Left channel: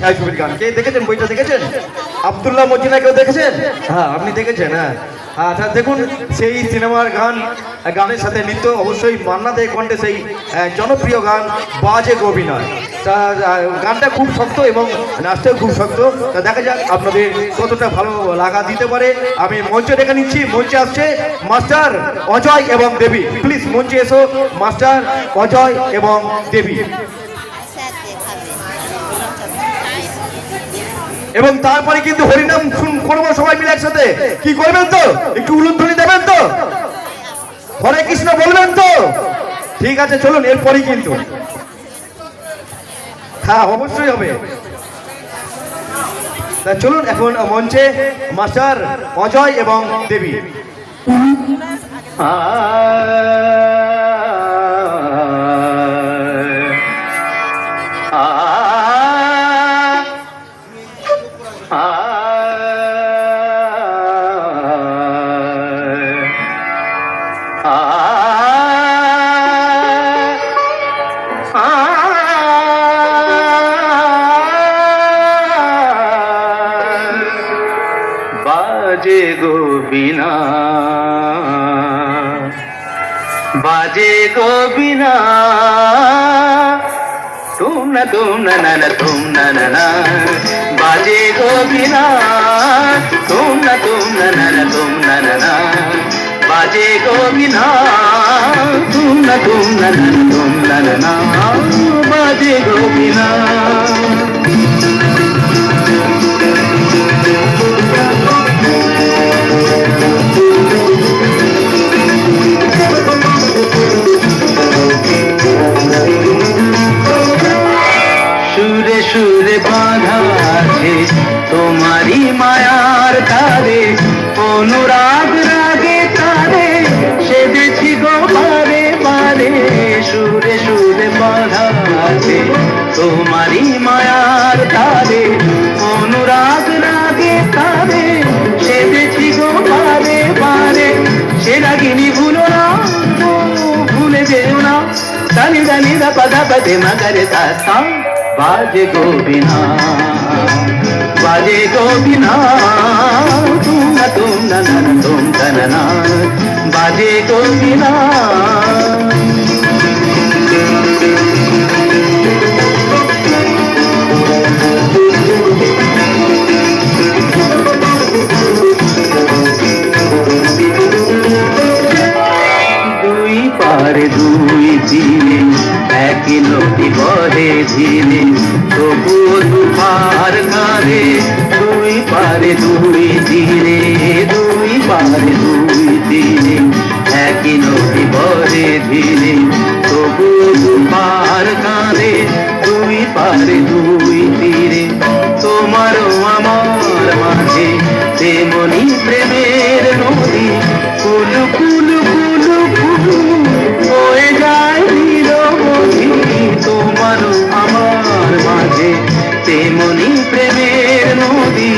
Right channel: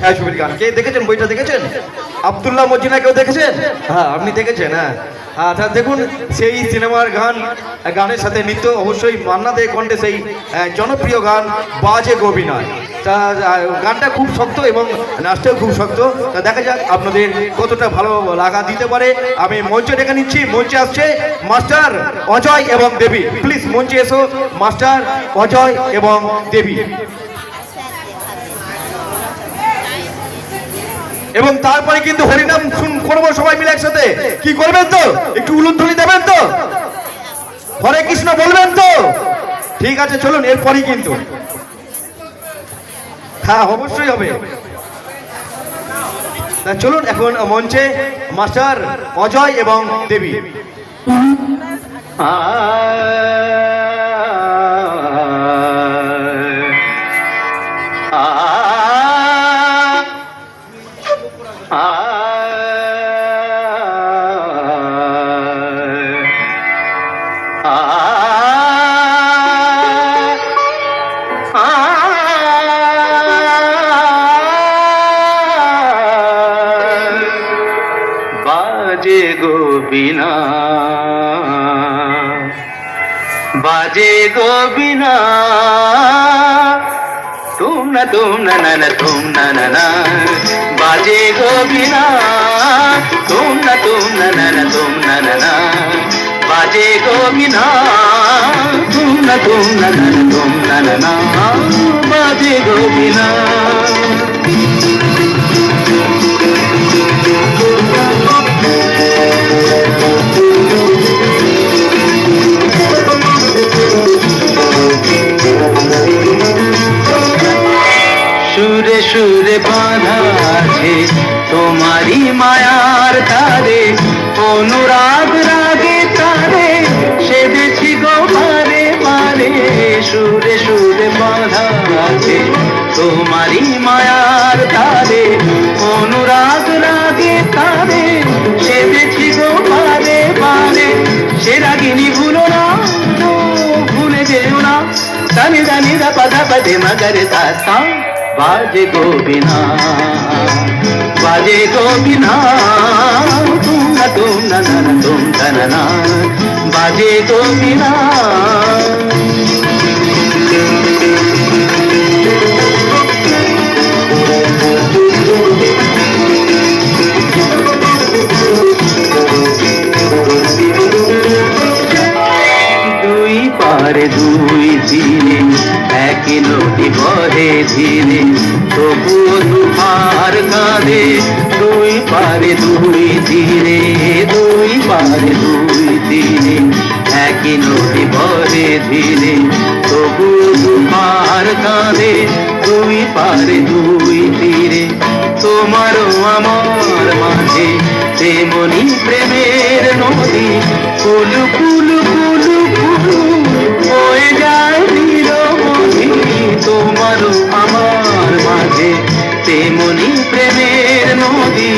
ছায়াছবির গান কে দেখেছেন? বইটা দেখেছেন? আব্দুল্লাহ মজিনা কেউ দেখেছেন? হ্যাঁ, আপনি দেখেছেন। হ্যাঁ, আচ্ছা, দেখুন সেই সিনেমার গানের সাথে নৃত্য অবশ্যই মান্না দে কণ্ঠে সেই জনপ্রিয় গান বাজে গোবিনা। তা গানটা খুব শক্ত এবং নাচটাও খুব শক্ত। তা দেখা যাক আপনাদের কতটা ভালো লাগা দিতে পারে। আমি মঞ্চে ডেকে নিচ্ছি। মঞ্চে আসছে মাস্টার অজয় এবং দেবী। প্লিজ মঞ্চে এসো মাস্টার অজয় এবং দেবী। এবং তারপরে কিন্তু হরিনাম করবো সবাই মিলে একসাথে। কি করবেন তো? একটু উলুধ্বনি দেবেন তো? হরে কৃষ্ণ বলবেন তো? ঠিক আছে, চলুন এরপরই কিন্তু। হ্যাঁ, অবশ্যই হবে। তা চলুন এখন মঞ্চে মাস্টার অজয় এবং দেবী। बाजे गोबिना बाजे गोबिना तुम न तुम न बाजे गोबिना तुम न तुम न बाजे गोबिना तुम न बाजे गोबिना। সুরে সুরে বাঁধা আছে তোমারি মায়ার তারে, অনুরাগ রাগে তারে সেদেছি গো হারে হারে। সুরে সুরে বাঁধা আছে তোমারি মায়ার তারে, অনুরাগ রাগে তারে সেদেছি গো হারে হারে। সে রাগিনী ভুলো না, ভুলে যেও না, দানি দানি দা পাদা পাদে মাগারে তা। बाजे गोबिना बाजे गोबिना तुम न बाजे गोबिना। দুই পারে দুই দিনে এক নদী বহে ধীরে, তবুও দুপার কাঁধে। দুই পারে দুই দিনে, দুই পারে দুই দিনে এক নদী বহে ধীরে, তবুও দুপার কাঁধে। দুই পারে দুই তীরে তোমারও আমার মাঝে তেমনি প্রেমের নদী। কুলু কুলু কুলু কুলু বয়ে যায় নিরবধি, তোমারও আমার মাঝে তেমনি প্রেমের নদী।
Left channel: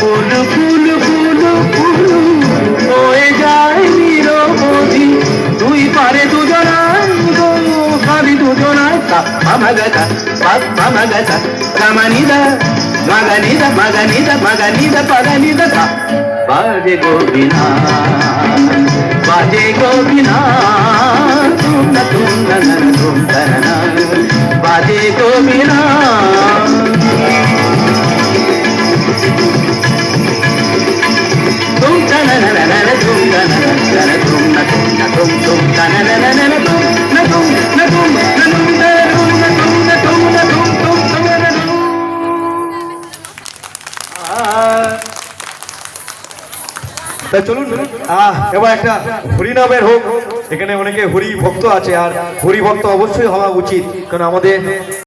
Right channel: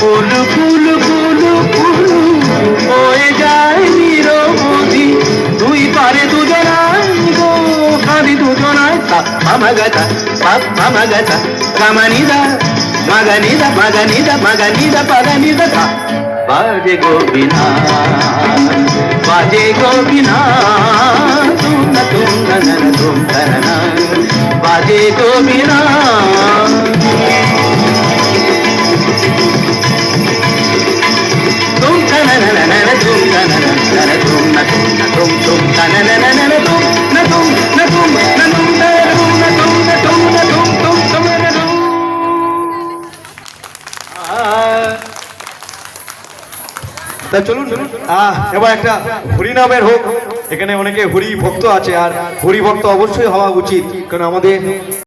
কুলু কুলু কুলু কুলু বয়ে যায় নিরবধি। দুই পারে দুজনা গো সারি দুজনা, আমাগাতা আমাগাতা কামানিদা মাগানিদা মাগানিদা মাগানিদা পাগানিদা। बाजे गोबिना बाजे गोबिना तुम न बाजे गोबिना। तुम তাই চলুন এবার একটা হরিনামের হোক। এখানে অনেকে হরি ভক্ত আছে, আর হরি ভক্ত অবশ্যই হওয়া উচিত, কারণ আমাদের